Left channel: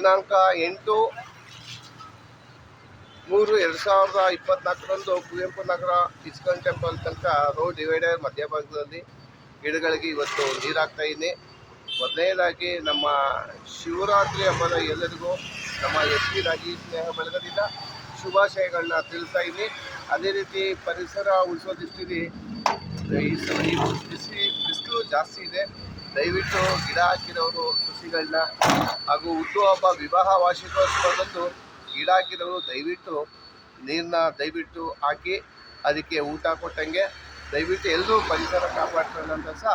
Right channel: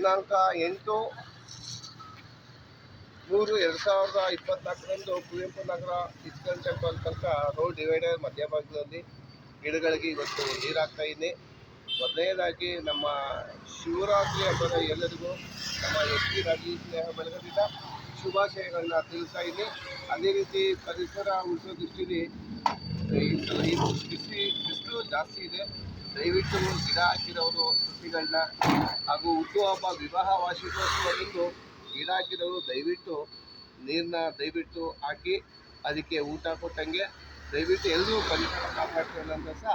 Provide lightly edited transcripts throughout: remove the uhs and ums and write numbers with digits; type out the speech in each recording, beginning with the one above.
ದಿನಾಂಕ 8/3/2024 Kuvempu Nagar ISKCON temple ತನಕ road divider ಮಧ್ಯಭಾಗದಲ್ಲಿ ಗಿಡಗಳಿಗೆ ಇವತ್ತು ನೀರಾಗ್ತಾ ಇದ್ದೀನಿ. ಮೊದಲನೇದಾಗಿ ನಮ್ಮ ಶಿವರಾತ್ರಿ ಹಬ್ಬದ ಎಲ್ಲರಿಗೂ ನಮ್ಮ ಎಸ್.ಪಿ. ರಾಜೀವ್ ಸ್ನೇಹ ಬಳಗದಿಂದ ಶುಭಾಶಯಗಳನ್ನ ತಿಳಿಸ್ತಾ ಇದ್ದೀನಿ. ಅದೇ ರೀತಿ ಪರಿಸರ ಉಳಿಸೋ ದೃಷ್ಟಿಯಲ್ಲಿ ಈ ಸಲ ಬಿಸಿಲು ಜಾಸ್ತಿ ಇದೆ. ದಯವಿಟ್ಟು ಗಿಡ ಹಾಕಿರೋರು ಸಸಿಗಳನ್ನ ಹಾಗೂ ಹುಟ್ಟುಹಬ್ಬ ವಿವಾಹ ವಾರ್ಷಿಕೋತ್ಸವದಂದು ಗಿಡ ಹಾಕಿರೋರು ದಯವಿಟ್ಟು ನೀರನ್ನ ದಯವಿಟ್ಟು ಹಾಕಿ ಅದಕ್ಕೆ ಊಟ ಕೊಟ್ಟಂಗೆ ದಯವಿಟ್ಟು ಎಲ್ಲರೂ ಪರಿಸರ ಕಾಪಾಡ್ತಾರೆ ಅಂತ ಸಹ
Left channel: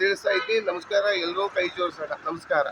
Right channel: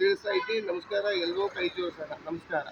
ತಿಳಿಸ್ತಾ ಇದ್ದೀನಿ. ನಮಸ್ಕಾರ, ಎಲ್ಲರೂ ಕೈ ಜೋಡಿಸೋಣ. ನಮಸ್ಕಾರ.